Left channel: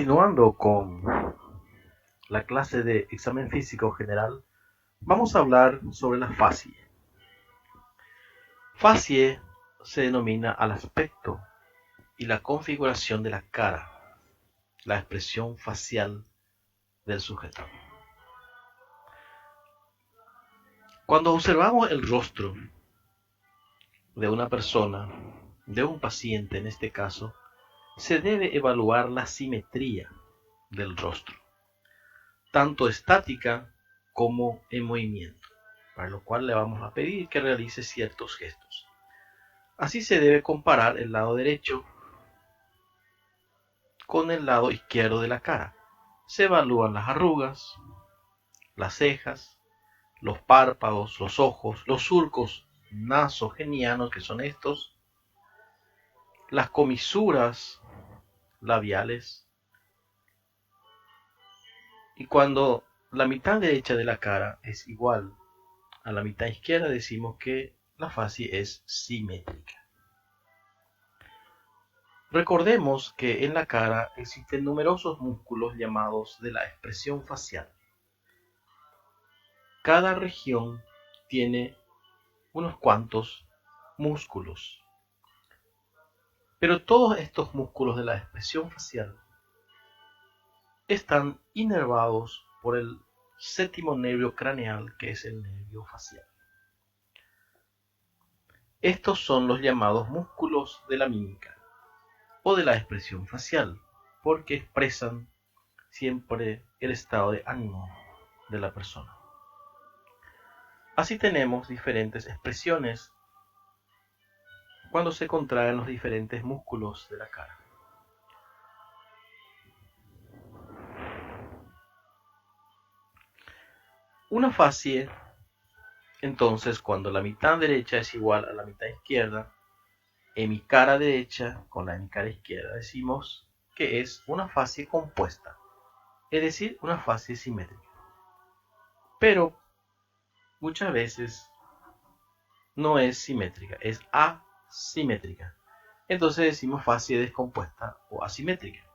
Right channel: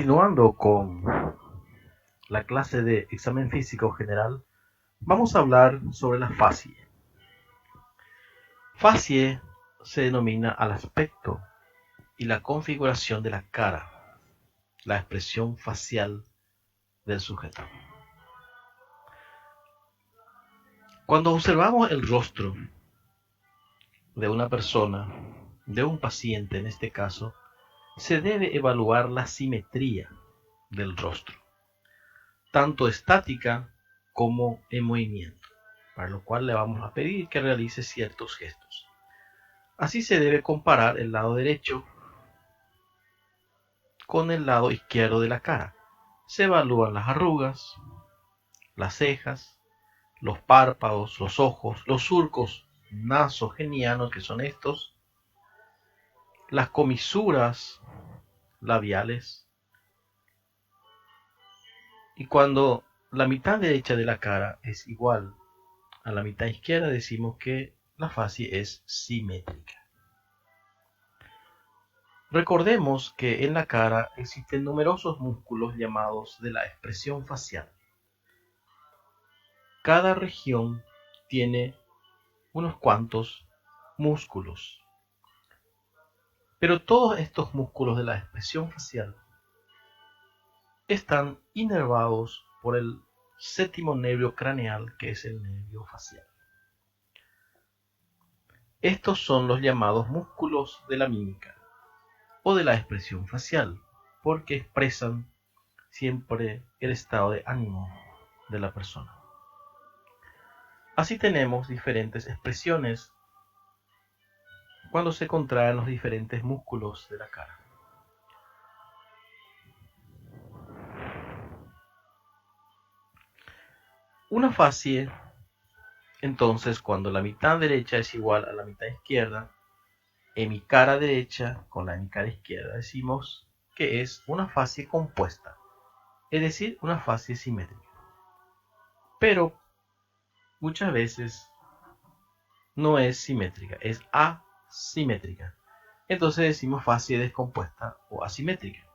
Continuando con la clase de examen físico general, vamos a hablar sobre la facie. Facie se denomina al aspecto y la configuración de la cara, la expresión facial del sujeto. Cuando observamos el rostro de una persona, de un paciente en este caso, se debe evaluar la simetría del rostro, tanto estática como en movimiento, para lo cual le vamos a pedir que realice ciertos gestos. Así se debe comparar el lado derecho con el lado izquierdo de la cara. Se evalúan las arrugas, las cejas, los párpados, los ojos, los surcos nasogenianos, que son estos, las comisuras labiales. Y cuando la mitad derecha de la cara es igual a la mitad izquierda, decimos que la facie es simétrica. Recordemos que en la cara existen numerosos músculos llamados de la expresión facial. Cada región tiene unos cuantos músculos, pero todos estos músculos de la expresión facial están inervados por el séptimo nervio craneal, que es el nervio facial. Estos son los llamados músculos de la mímica o de la expresión facial, porque expresan siempre el estado de ánimo de la persona. Así tenemos diferentes expresiones cuando se contraen los diferentes músculos de la cara. Una facie, entonces, cuando la mitad derecha es igual a la mitad izquierda, en mi cara derecha con la de mi cara izquierda, decimos que es una facie compuesta, es decir, una facie simétrica. Pero muchas veces no es simétrica, es asimétrica. Entonces decimos facie descompuesta o asimétrica,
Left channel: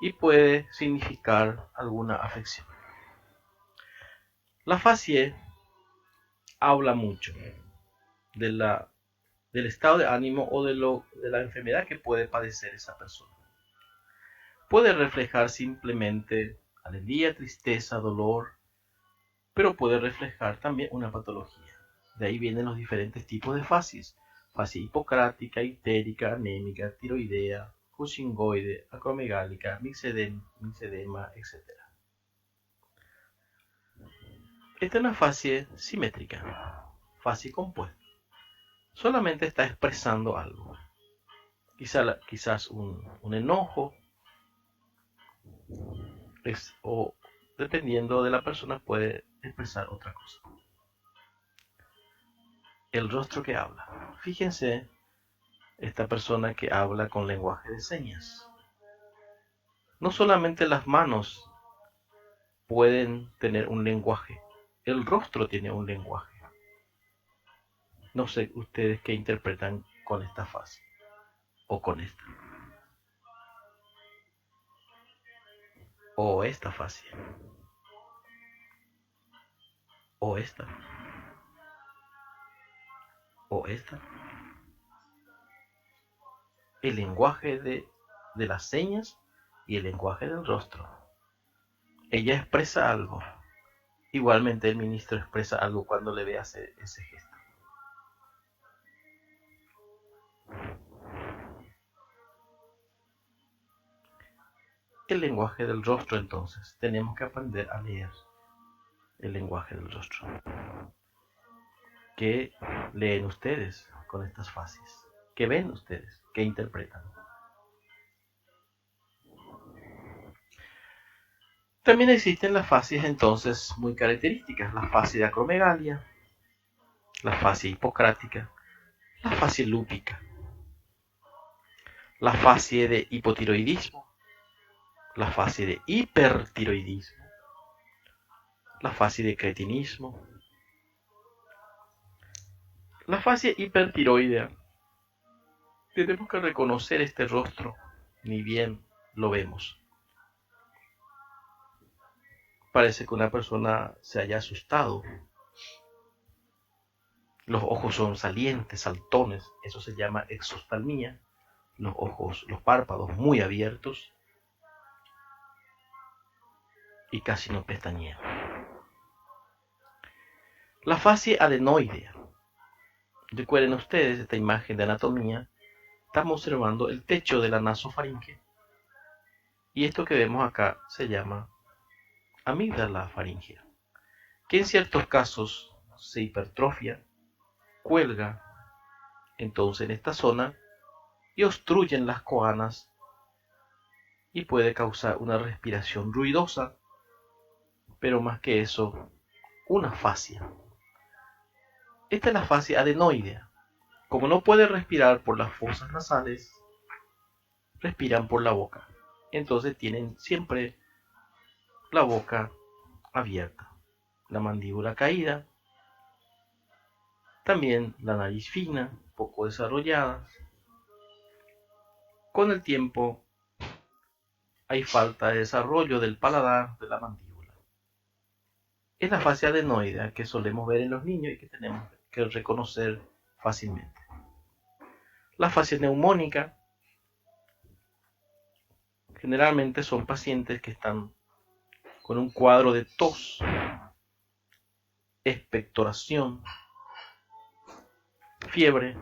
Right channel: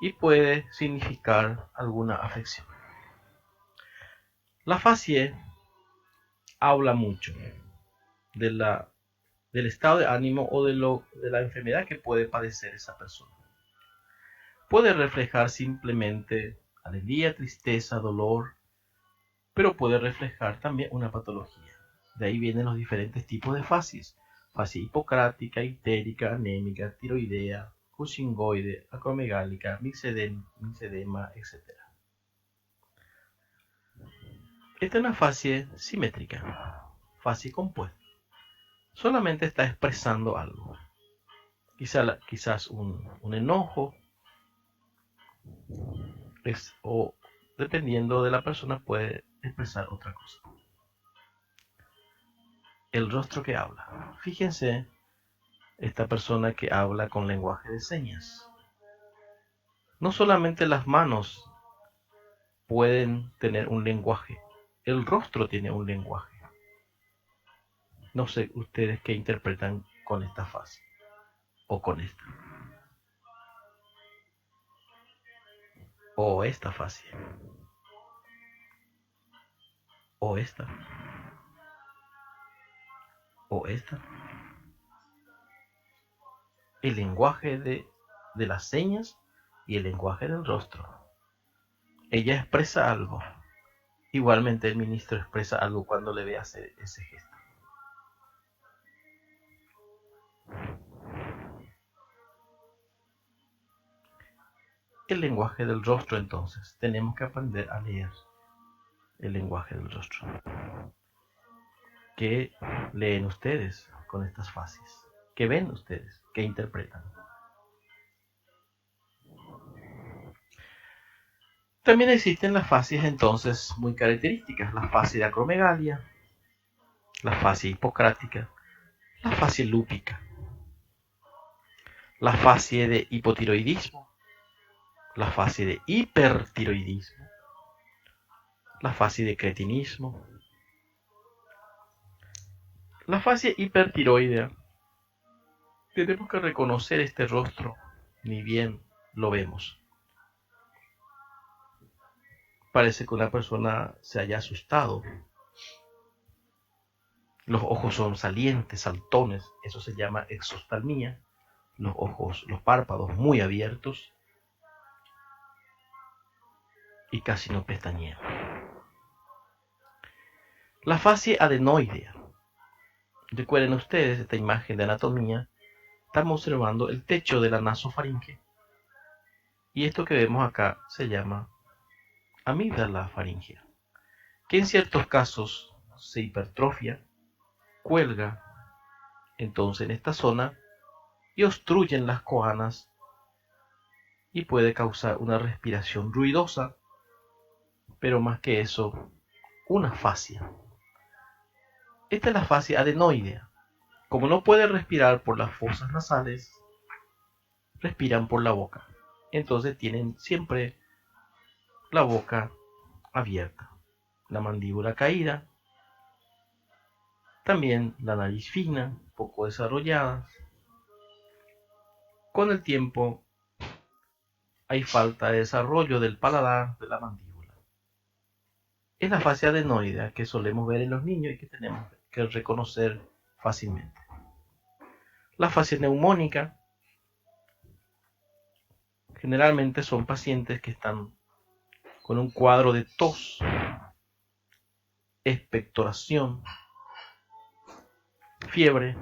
y puede significar alguna afección. La facie habla mucho del estado de ánimo o de la enfermedad que puede padecer esa persona. Puede reflejar simplemente alegría, tristeza, dolor, pero puede reflejar también una patología. De ahí vienen los diferentes tipos de facies: facie hipocrática, ictérica, anémica, tiroidea, cushingoide, acromegálica, mixedema, etc. Esta es una facie simétrica, facie compuesta. Solamente está expresando algo. Quizás un enojo, o dependiendo de la persona puede expresar otra cosa. El rostro que habla. Fíjense, esta persona que habla con lenguaje de señas. No solamente las manos pueden tener un lenguaje, el rostro tiene un lenguaje. No sé ustedes qué interpretan con esta fase o con esta. O esta facie. O esta. O esta. El lenguaje de las señas y el lenguaje del rostro. Ella expresa algo. Igualmente el ministro expresa algo cuando le ve hacer ese gesto. El lenguaje del rostro, entonces. Tenemos que aprender a leer el lenguaje del rostro. ¿Qué leen ustedes con estas fases? ¿Qué ven ustedes? ¿Qué interpretan? También existen las facies entonces muy características: la facie de acromegalia, la facie hipocrática, la facie lúpica, la facie de hipotiroidismo, la facie de hipertiroidismo, la facie de cretinismo. La facie hipertiroidea, tenemos que reconocer este rostro, ni bien lo vemos. parece que una persona se haya asustado. Los ojos son salientes, saltones, eso se llama exoftalmía. Los ojos, los párpados muy abiertos y casi no pestañean. La fascia adenoidea. Recuerden ustedes esta imagen de anatomía. Estamos observando el techo de la nasofaringe. Y esto que vemos acá se llama amígdala faríngea, que en ciertos casos se hipertrofia, cuelga entonces en esta zona y obstruyen las coanas y puede causar una respiración ruidosa, pero más que eso, una fascia. Esta es la fascia adenoidea. Como no puede respirar por las fosas nasales, respiran por la boca. Entonces tienen siempre la boca abierta, la mandíbula caída, también la nariz fina, poco desarrollada. Con el tiempo hay falta de desarrollo del paladar de la mandíbula. Es la fascia adenoidea que solemos ver en los niños y que tenemos que reconocer fácilmente. La fascia neumónica generalmente son pacientes que están con un cuadro de tos, expectoración, fiebre,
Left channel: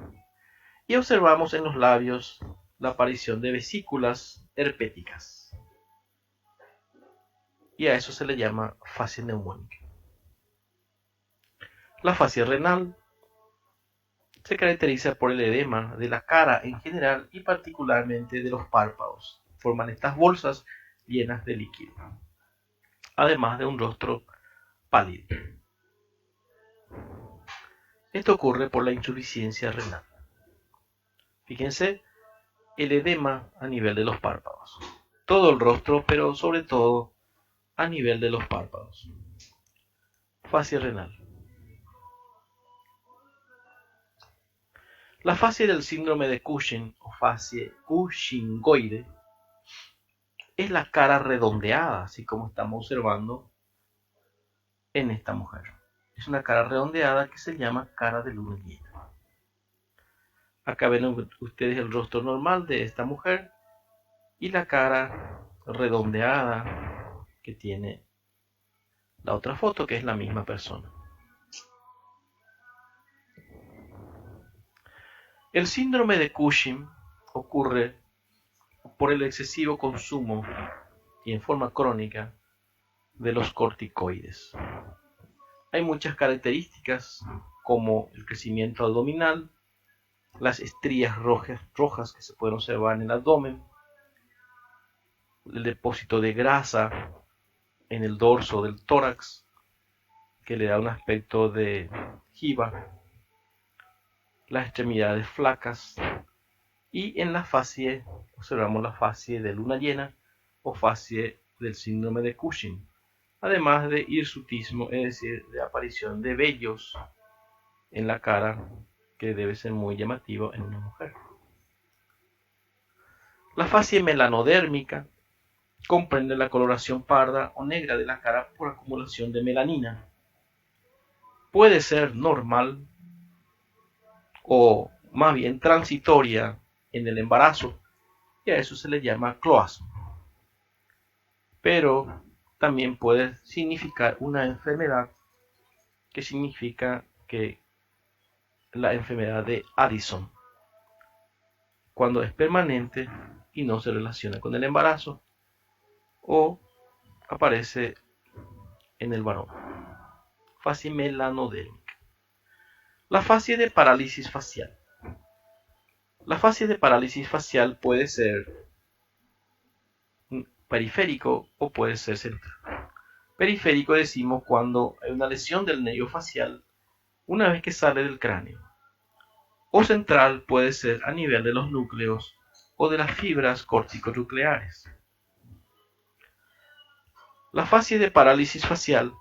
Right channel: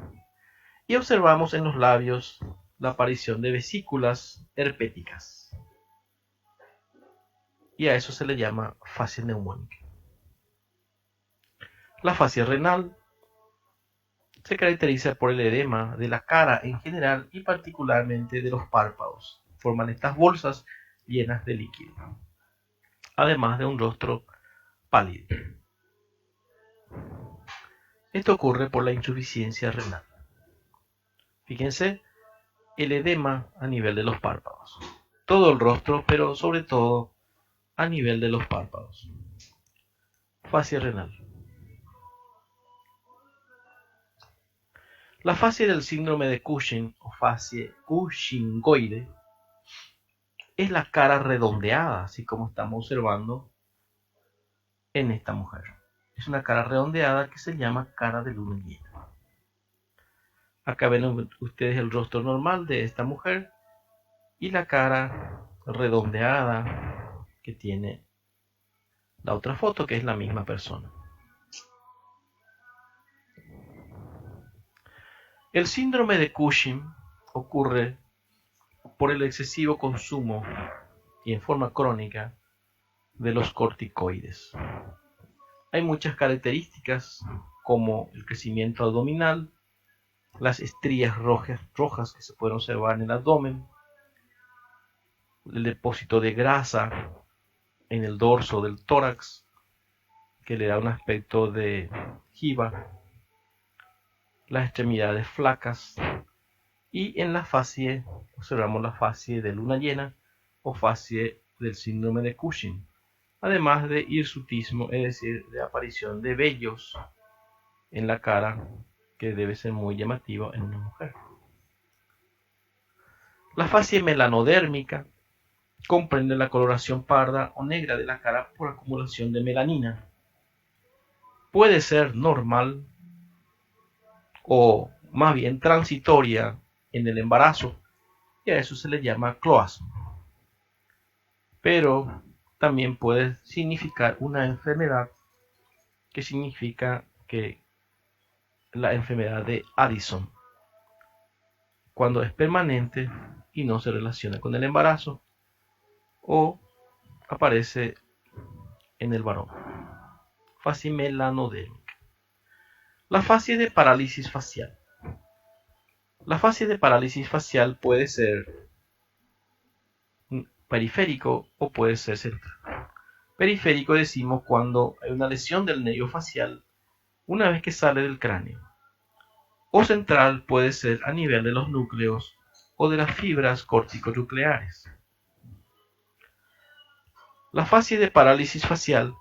y observamos en los labios la aparición de vesículas herpéticas. Y a eso se le llama fascia neumónica. La fascia renal se caracteriza por el edema de la cara en general y particularmente de los párpados. Forman estas bolsas llenas de líquido, además de un rostro pálido. Esto ocurre por la insuficiencia renal. Fíjense el edema a nivel de los párpados. Todo el rostro, pero sobre todo a nivel de los párpados. Fascia renal. La fascia del síndrome de Cushing o fascia cushingoide es la cara redondeada, así como estamos observando en esta mujer. Es una cara redondeada que se llama cara de luna llena. Acá ven ustedes el rostro normal de esta mujer y la cara redondeada que tiene la otra foto, que es la misma persona. El síndrome de Cushing ocurre por el excesivo consumo y en forma crónica de los corticoides. Hay muchas características como el crecimiento abdominal, las estrías rojas que se pueden observar en el abdomen, el depósito de grasa en el dorso del tórax que le da un aspecto de jiba, las extremidades flacas, y en la fascia observamos la fascia de luna llena o fascia del síndrome de Cushing, además de hirsutismo, es decir, de aparición de vellos en la cara, que debe ser muy llamativo en una mujer. La fascia melanodérmica comprende la coloración parda o negra de la cara por acumulación de melanina. Puede ser normal o más bien transitoria en el embarazo, y a eso se le llama cloasmo. Pero también puede significar una enfermedad que significa que la enfermedad de Addison, cuando es permanente y no se relaciona con el embarazo o aparece en el varón. Fascia melanodérmica. La fascia de parálisis facial. La fascia de parálisis facial puede ser periférico o puede ser central. Periférico decimos cuando hay una lesión del nervio facial una vez que sale del cráneo. O central puede ser a nivel de los núcleos o de las fibras corticonucleares. La fascia de parálisis facial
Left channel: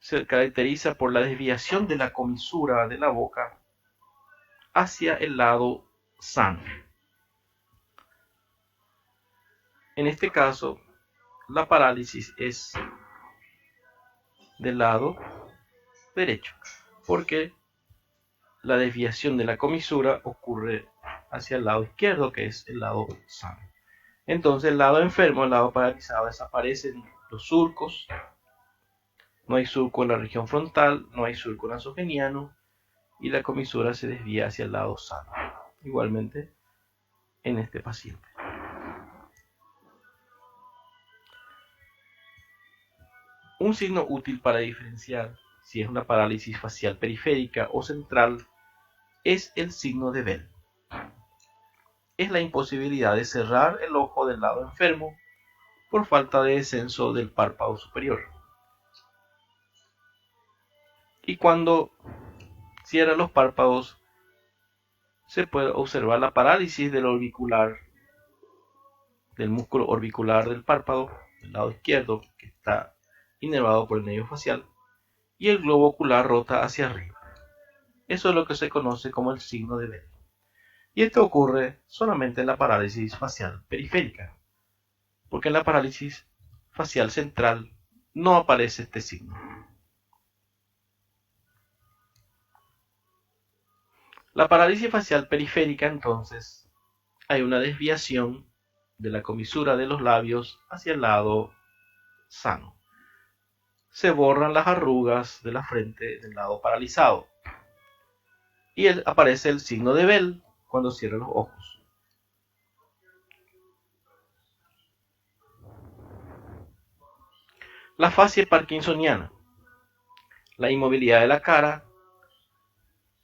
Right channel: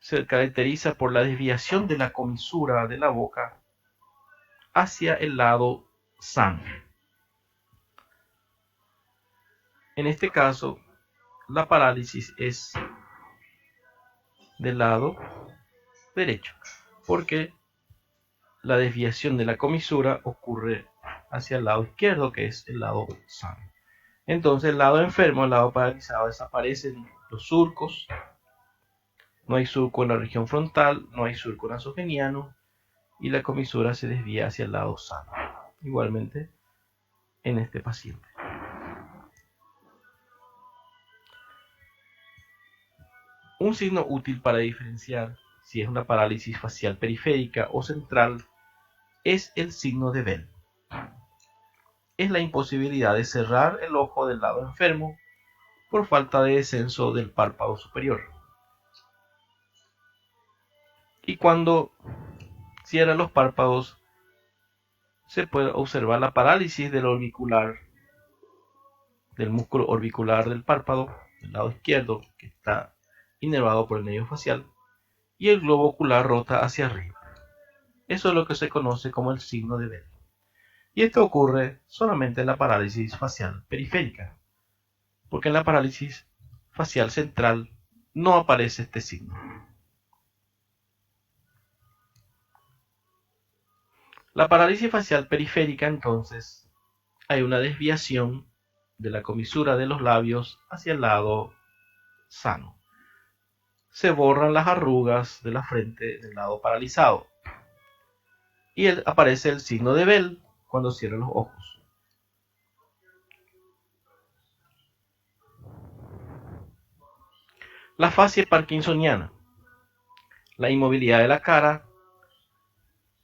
se caracteriza por la desviación de la comisura de la boca hacia el lado sano. En este caso, la parálisis es del lado derecho, porque la desviación de la comisura ocurre hacia el lado izquierdo, que es el lado sano. Entonces el lado enfermo, el lado paralizado, desaparecen los surcos, no hay surco en la región frontal, no hay surco nasogeniano y la comisura se desvía hacia el lado sano. Igualmente en este paciente. Un signo útil para diferenciar si es una parálisis facial periférica o central es el signo de Bell. Es la imposibilidad de cerrar el ojo del lado enfermo por falta de descenso del párpado superior. Y cuando cierra los párpados, se puede observar la parálisis del orbicular, del músculo orbicular del párpado, del lado izquierdo, que está inervado por el nervio facial, y el globo ocular rota hacia arriba. Eso es lo que se conoce como el signo de Bell. Y esto ocurre solamente en la parálisis facial periférica, porque en la parálisis facial central no aparece este signo. La parálisis facial periférica, entonces, hay una desviación de la comisura de los labios hacia el lado sano. Se borran las arrugas de la frente del lado paralizado y aparece el signo de Bell cuando cierra los ojos. La facie parkinsoniana, la inmovilidad de la cara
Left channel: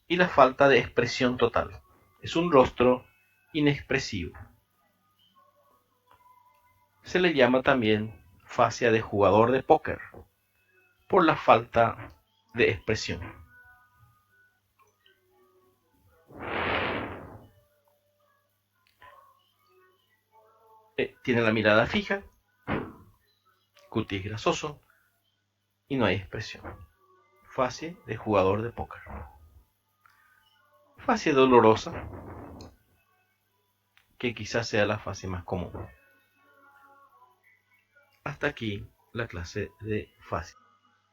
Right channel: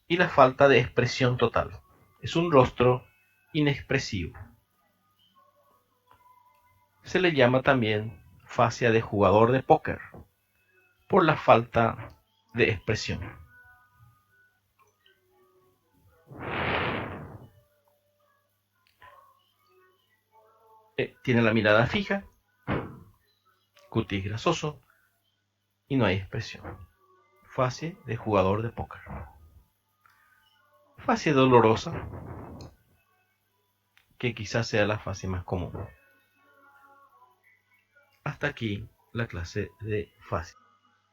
y la falta de expresión total. Es un rostro inexpresivo. Se le llama también fascia de jugador de póker por la falta de expresión. Tiene la mirada fija, cutis grasoso y no hay expresión. Fascia de jugador de póker. Fascia dolorosa, que quizás sea la fascia más común. Hasta aquí la clase de fascia.